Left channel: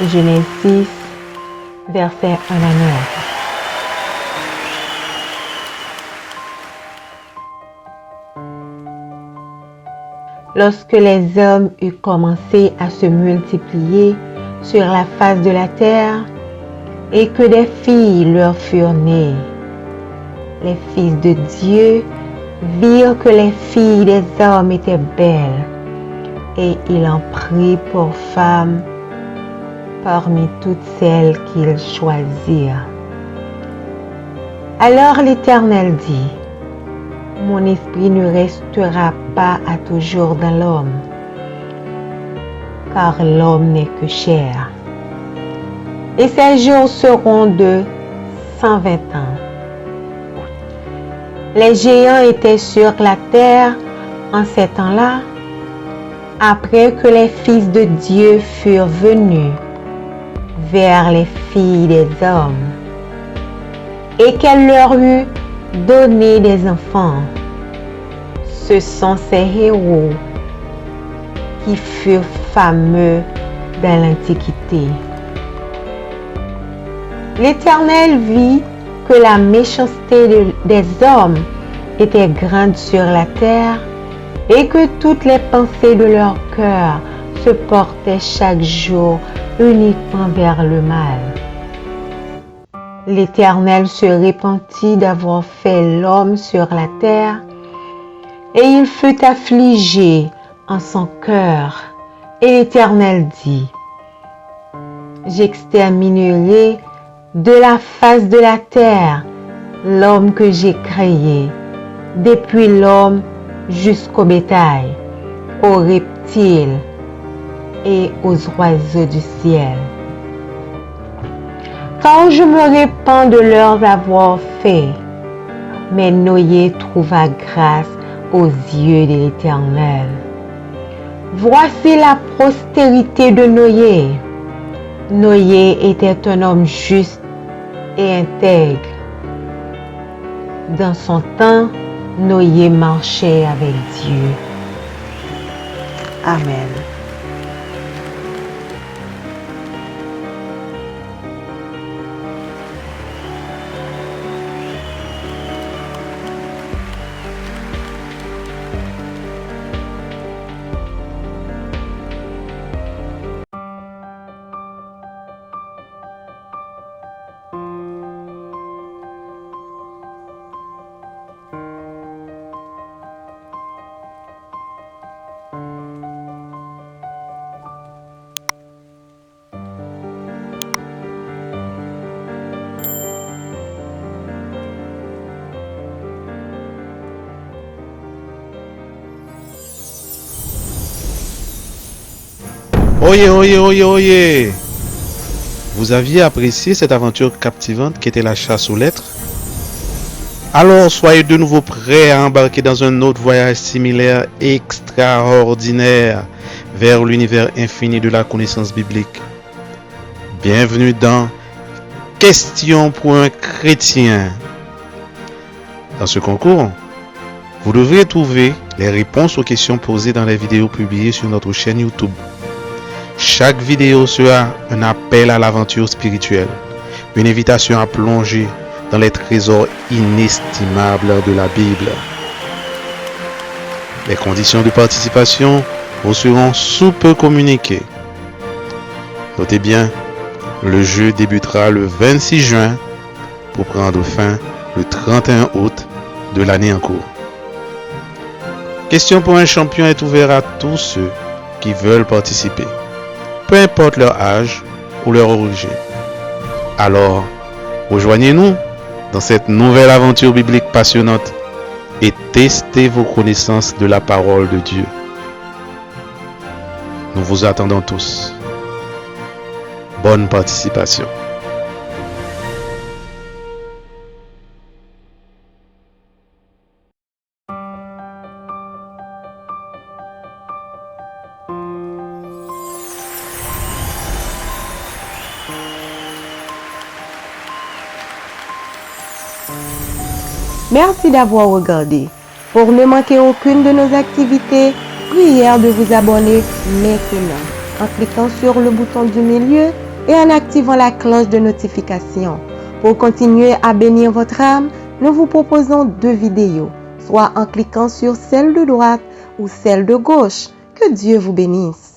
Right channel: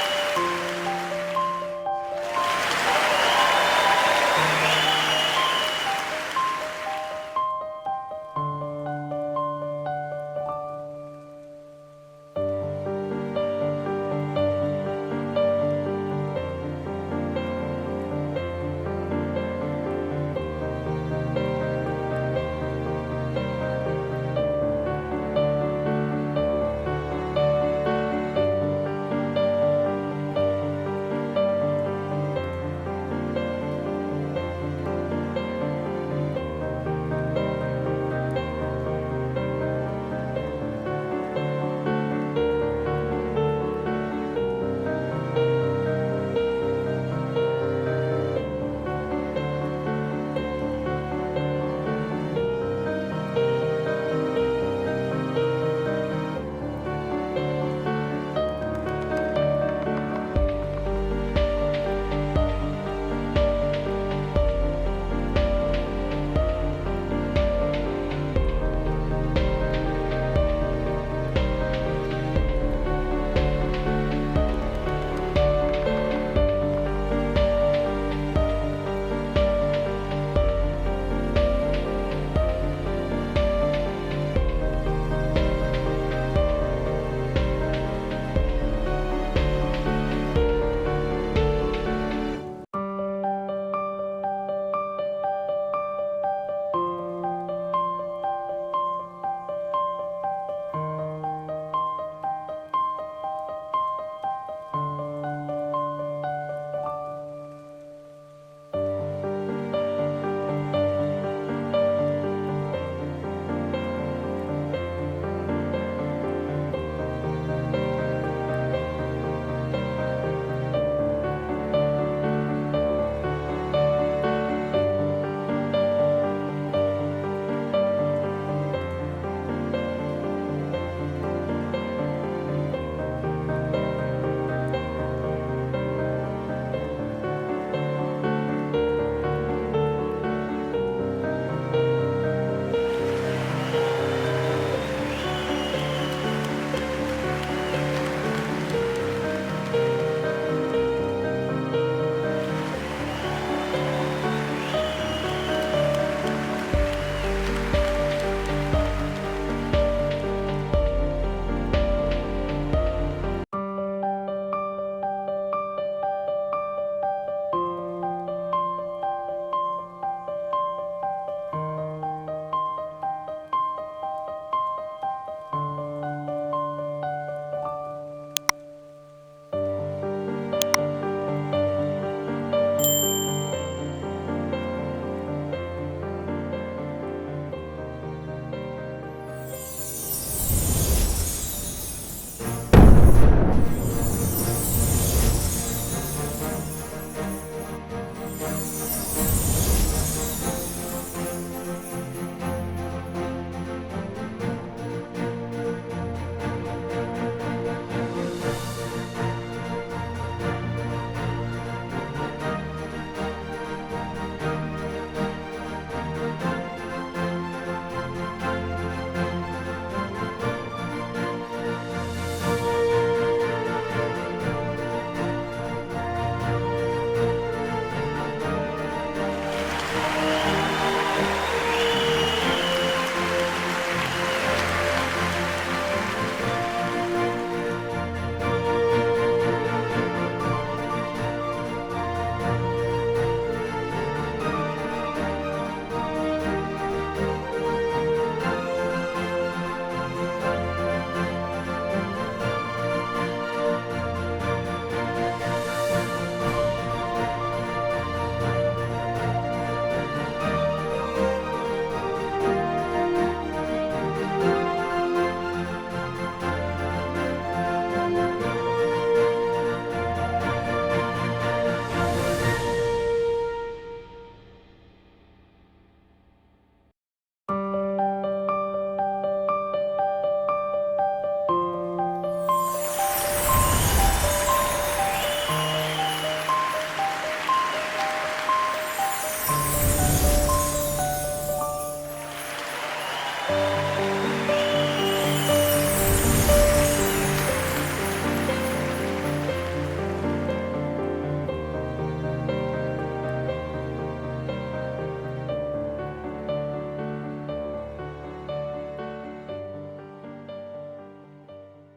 Genèse 6, verset 1 à 9. Lorsque les hommes eurent commencé à se multiplier sur la face de la terre et que des filles leur furent nées, les fils de Dieu virent que les filles des hommes étaient belles et ils en prirent pour femmes parmi toutes celles qu'ils choisirent. Alors l'Éternel dit: mon esprit ne restera pas à toujours dans l'homme, car l'homme n'est que chair. Et ses jours seront de 120 ans. Les géants étaient sur la terre en ces temps-là, après que les fils de Dieu furent venus vers les filles des hommes, et qu'elle leur eut donné des enfants. Ce sont ces héros qui furent fameux dans l'Antiquité. L'Éternel vit que la méchanceté des hommes était grande sur la terre et que toutes les pensées de leur cœur se portaient chaque jour uniquement vers le mal. L'Éternel se repentit d'avoir fait l'homme sur la terre, et il fut affligé en son cœur. Et l'Éternel dit: j'exterminerai de la face de la terre l'homme que j'ai créé, depuis l'homme jusqu'au bétail, aux reptiles et aux oiseaux du ciel. Quand je me répands de leurs avoir fait, mais Noé trouva grâce aux yeux de l'Éternel. Voici la postérité de Noé. Noé était un homme juste et intègre. Dans son temps, Noé marchait avec Dieu. Amen. Oyez. Vous aviez apprécié cette aventure captivante qui était la chasse aux lettres? Alors soyez de nouveau prêts à embarquer dans un autre voyage similaire extraordinaire vers l'univers infini de la connaissance biblique. Bienvenue dans Questions pour un chrétien. Dans ce concours, vous devrez trouver les réponses aux questions posées dans les vidéos publiées sur notre chaîne YouTube. Chaque vidéo sera un appel à l'aventure spirituelle, une invitation à plonger dans les trésors inestimables de la Bible. Les conditions de participation vous seront sous peu communiquées. Notez bien, le jeu débutera le 26 juin pour prendre fin le 31 août de l'année en cours. Question pour un champion est ouvert à tous ceux qui veulent participer, peu importe leur âge ou leur origine. Alors, rejoignez-nous dans cette nouvelle aventure biblique passionnante et testez vos connaissances de la parole de Dieu. Nous vous attendons tous. Bonne participation. Merci d'avoir regardé. Pour ne manquer aucune de nos activités, prière de vous abonner maintenant en cliquant sur le bouton du milieu et en activant la cloche de notification. Pour continuer à bénir votre âme, nous vous proposons 2 vidéos, soit en cliquant sur celle de droite ou celle de gauche. Que Dieu vous bénisse.